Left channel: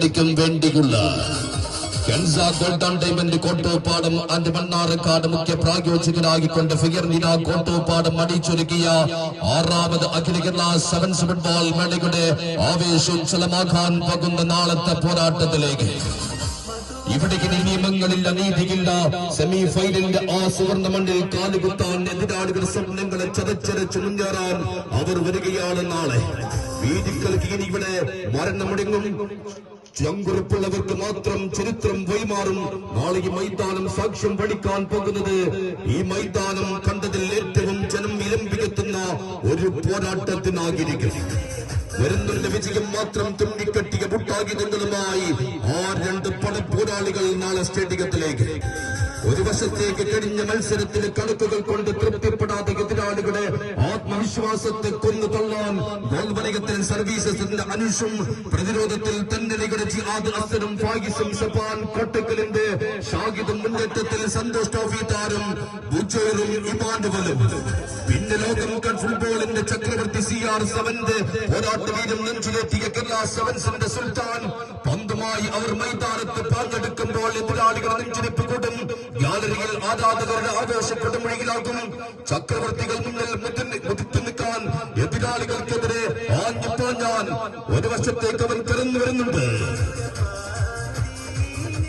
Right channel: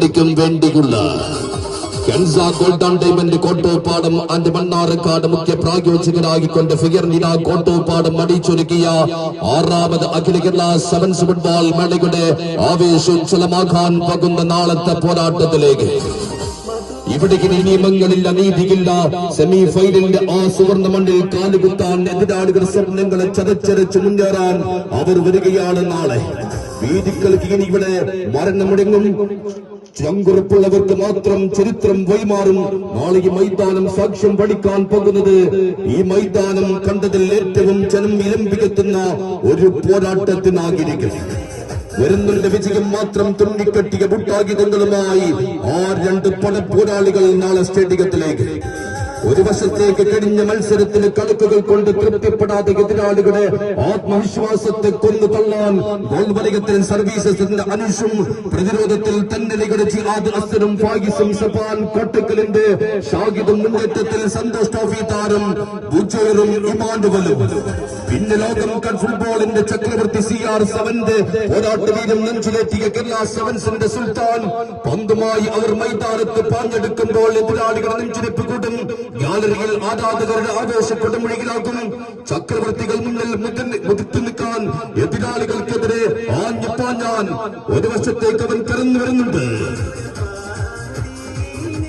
കളിക്കും വേണ്ടിയുള്ള Kensa golden diamond Kottoppadam and Mannarkkad മുഖ്യ പ്രായോജകരായിക്കൊണ്ട് ഫിഗർ നില കോട്ടോപ്പാടം അടിച്ചൊരുക്കിയ 6ാമത് അഖില കേരള സെവൻസ് ഫുട്ബോൾ മേളയുടെ ആവേശോജ്വലമാകാൻ പോകുന്ന നാളത്തെ പോരാട്ടത്തിലേക്ക് ഇവിടേക്ക് നിയമങ്ങളില്ല, നീതിയില്ല. സെമി ഫൈനലിന്റെ ആ സുവർണ്ണ മണ്ണിൽ കാലുകുത്താൻ എതിരാളികൾ സ്വപ്നങ്ങളെ ചതച്ചരച്ച് മുന്നേറാൻ അവർ വരികയാണ് നാളെ. വീതികൾക്ക് ഇനി ഇവിടെ മരണമുടങ്ങും. ചങ്കുറപ്പുള്ളവർക്ക് മാത്രം ചരിത്രം വഴിമാറും. നാളെ ഈ മൈതാനം സാക്ഷ്യം പഠിക്കാൻ പോകുന്നത് ഈ മൈതാനം കണ്ടതിൽ ഏറ്റവും ജനം ഇലമ്പിക്കെത്തുന്ന ഒരു പോരാട്ടത്തിനാകിരിക്കും. വരുന്നുണ്ട് വിജയം മാത്രം തുന്നിക്കെട്ടിയ മുട്ടായുധങ്ങളുമായി ആ 2 പടപ്പോരാളികൾ നാളെ സ്റ്റേഡിയത്തിലേക്ക്. ഒരു വശത്തേക്ക് കഴിഞ്ഞ മത്സരത്തിന് കണക്കുകൾ കൊണ്ട് തൃപ്തിപ്പെടാതെ എതിരാളികളുടെ ആത്മവിശ്വാസത്തെ കൊന്നു തള്ളാൻ ഗോൾ വലയത്തിൽ സർവീസസിന്റെ അനുഷും, പ്രതിരോധത്തിൽ തന്നലികളുടെ ജിഹാദ് അസ്തനും ഫായിസും സഫാൻ കോട്ടക്കലിന്റെ ഷാഹിദും, മുന്നേറ്റത്തിൽ സന്തോഷ് ട്രോഫി താരം ബുജേറും ഇമാനുവലും, പിന്നെ ലോകം കപ്പ് ഫുട്ബോളിന്റെ ചക്രവർത്തി CR7 പോരാട്ടവീരം നെഞ്ചിലെത്തിയ കേരള സെവൻസിന്റെ സുൽത്താൻ പന്തുമായി അവർ മൈതാനത്ത് പാഞ്ഞെടുക്കുമ്പോൾ എതിരാളികൾ നെഞ്ചിരിപ്പ് കൂട്ടും. ഗാലറിയിൽ ആരാധകരുടെ ആവേശ കൊടുമുഴിയിലാക്കും. ചക്രവർത്തികൾ മുന്നിൽ മുതിർത്തു നിൽക്കാൻ എതിരാളികൾക്കെതിരെ ആഞ്ഞുപാഞ്ഞാൻ ഒരു വശത്തേക്ക് അവൻ കടന്നു വരുന്നുണ്ട്.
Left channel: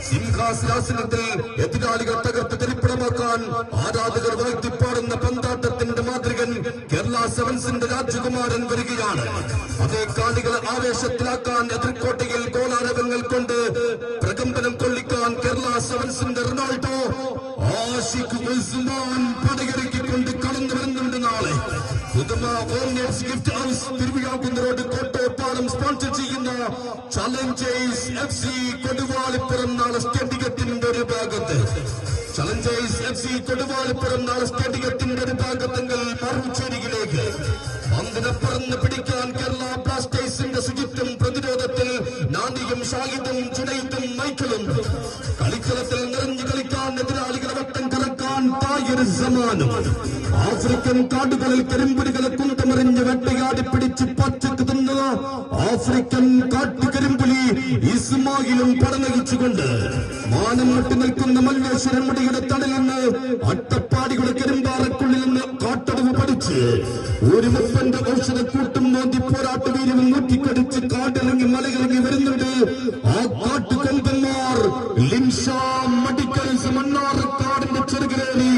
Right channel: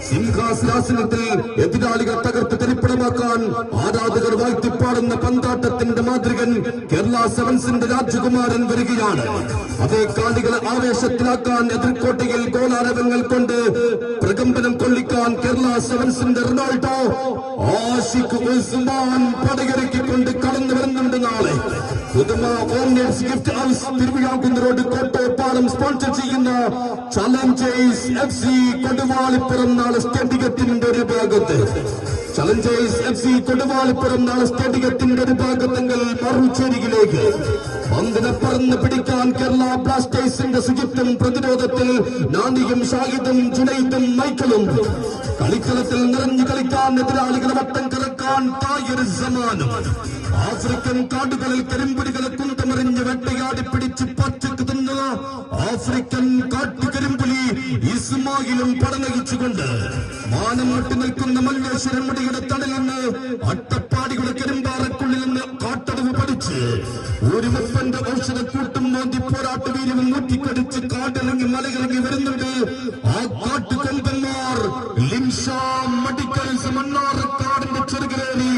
സിംഹാസനാസനത്തിൽ എതിരാളികൾ തകർത്ത് തരിപ്പണമാക്കാൻ ആരാധകർ വാഴ്ത്തിപ്പാടുന്ന പന്താട്ടത്തിന്റെ മാതൃകൻ കേരള സെവൻസിന്റെ രാജകുമാരൻ വരികയാണ്. അതേ കാളികളെ ആവേശത്തിലാക്കാൻ എതിർക്കോട്ടയിൽ ഗോളാരവങ്ങൾ കൊണ്ട് പ്രകമ്പനം കൊള്ളിക്കാൻ കേരള സെവൻസിന്റെ റൊണാൾഡോ, ആഷിഖ് ഉസ്മാൻ പടയിറക്കിക്കൊണ്ട് കടന്നു വരുന്നുണ്ട് നാളെ. പുതുമ ഓംനേഴ്സ് ഗിഫ്റ്റ് ഹൗസ് തിരുവിഴാകുന്ന റോഡ് കോട്ടോപ്പാടം സ്പോൺസർ ചെയ്യുന്ന ചലഞ്ചേഴ്സ് FC കൊടുവാളിപ്പുറം നാളെ സ്റ്റേഡിയത്തിന്റെ ഒരു ഭാഗത്ത്. ചലഞ്ചേഴ്സ് FC കൊടുവാളിപ്പുറം നാളെ സ്റ്റേഡിയത്തിന്റെ ഒരു ഭാഗത്തെങ്കിൽ മറുചേരിയിലേക്ക് പന്തിനെ പറന്ന് പിടിക്കാൻ കേരള ബ്ലാസ്റ്റേഴ്സിന്റെ ശുചിത്വം, പ്രതിരോധത്തിൽ നാണിയും ഷാഹിദും ജുനൈദും മൈക്കിളും, കളിക്കളത്തിൽ നിറഞ്ഞു കളിക്കാൻ എതിരാളികളെ വട്ടം കറക്കാൻ തായൊരു സമാനം. ആഫ്രിക്കൻ കാടുകളിൽ കരിമ്പുലികളെ കുന്തമറിഞ്ഞ് വെട്ടയാടി പിടിച്ച് പച്ചക്ക് തിന്ന ആഫ്രിക്കൻ കാട്ടുകരിമ്പുലി ഇസ്മായിലും പടനയിച്ചുകൊണ്ട് മാനം വിട്ടു നിൽക്കുന്ന മല്ലേശ്വരം മുടിയുടെ തടയിൽ നിന്ന് അട്ടപ്പാടിയുടെ കരിമ്പാറക്കുള്ളിൽ നിന്ന് കാട്ടടവ് പഠിച്ച് ഒരു മുപ്പന്റെ ഔഷധക്കൂട്ടും മോന്തി പോരാട്ട വീര്യവും നൂറ്റിക്കടിച്ച് കാട്ടിറങ്ങി മലയിറങ്ങി വരുന്നുണ്ട് ആ കാട്ടുകൊമ്പന്മാർ. ലിംഷ മെഡിക്കൽസ് മണ്ണാർക്കാടിന്റെ ചെറുകരേറി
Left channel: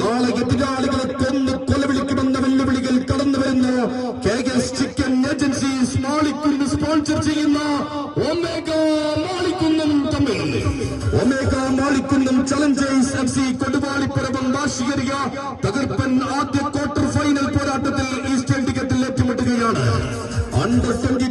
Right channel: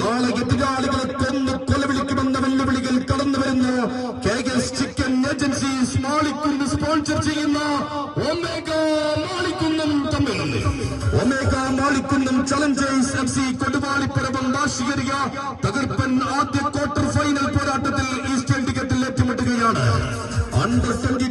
നാളെ എതിരാളികളെ കൊന്ന് കൊലവിളിക്കുമെന്ന വെല്ലുവിളികൾ കടന്നു വരുന്ന KS chicken agencies Malikkunnu sponsor ചെയ്യുന്ന ഒമേഗ മാളിക്കുന്നം തമ്മിൽ ഒമേഗ മാളിക്കുന്നം ചലഞ്ചേഴ്സ് FC കൊടുവാളിപ്പുറം വാശിയേറിയ തകർപ്പൻ ആദ്യ ക്വാർട്ടർ ഫൈനൽ പോരാട്ടത്തിൽ ഈ സ്റ്റേഡിയത്തിൽ ഏറ്റുമുട്ടുകയാണ്. Under 23